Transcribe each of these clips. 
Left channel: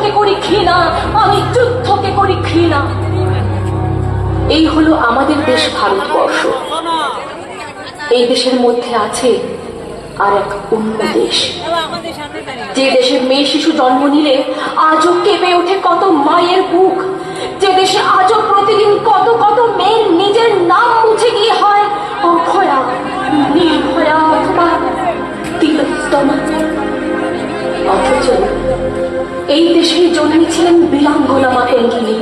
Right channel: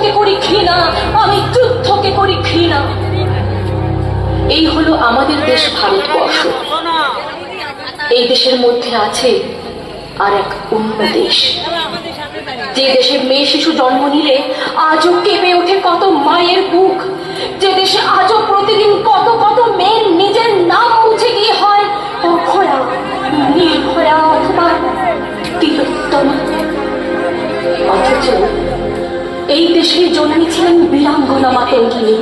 যুদ্ধকে করি ঘৃণা? আমি যুদ্ধকে করি ঘৃণা? এই হলো আমাদের দেশ ভারতবর্ষ। এই দেশের মধ্যে আছে আর এক অন্য দেশ। যে দেশে মেয়ে শিশু জন্ম নিলে আজও কেঁপে ওঠে কত মায়ের বুক। যে দেশে বীরাঙ্গনা মাতঙ্গিনী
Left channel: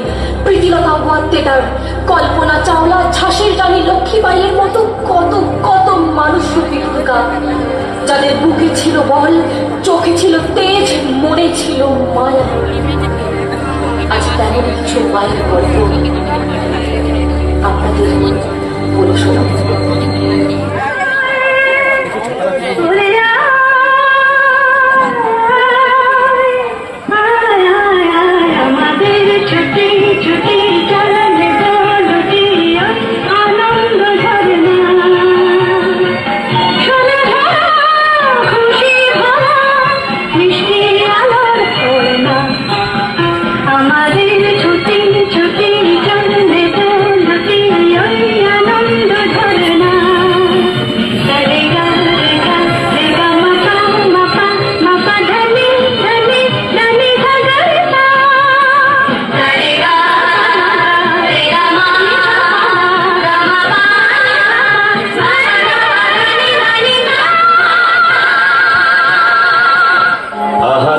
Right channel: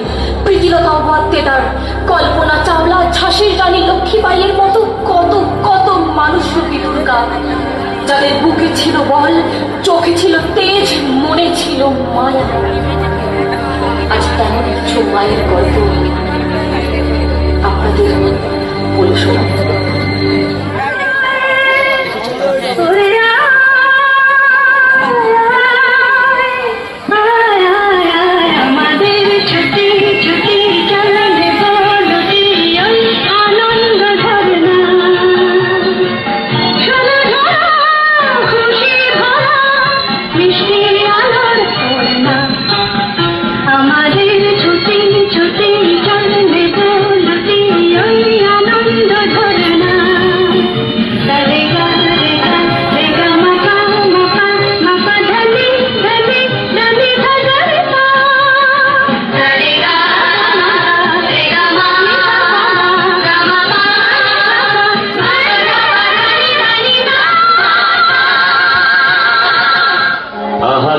প্রীতিলতা ওয়াদ্দেদার কল্পনা চাওলা ঝাঁসির রানী লক্ষ্মীবাইয়ের মতো কত কত মানুষ রূপী দুর্গা। যাদের বুকে ছিল বল, চোখে ছিল তেজ, মনে ছিল মায়া। আজ তেমন কিছু মায়ের গল্প। আপনাদের বলে শোনাবো।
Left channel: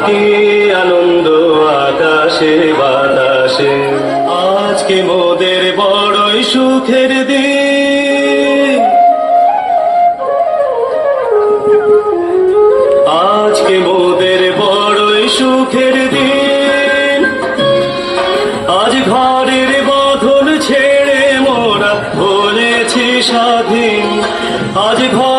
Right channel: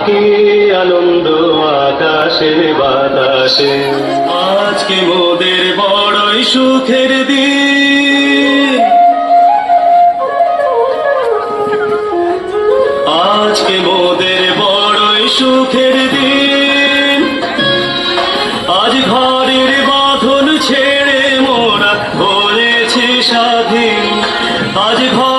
কি আনন্দ আকাশে, বাতাসে। আজকে মোদের বড়ই সুখের দিন। আজকে মোদের বড়ই সুখের দিন। আজ ঘরের বাঁধন ছেড়ে মোরা হয়েছে স্বাধীন। আজ ঘরের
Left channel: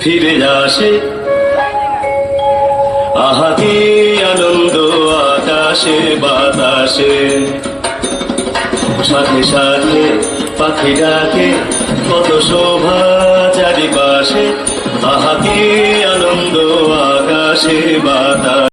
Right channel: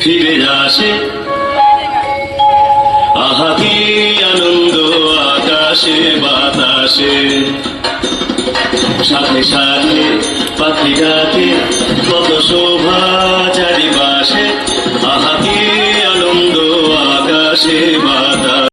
ফিরে আসে। আহাতি আনন্দ আকাশে বাতাসে। সাথে সাথে পাখি ডাকে কত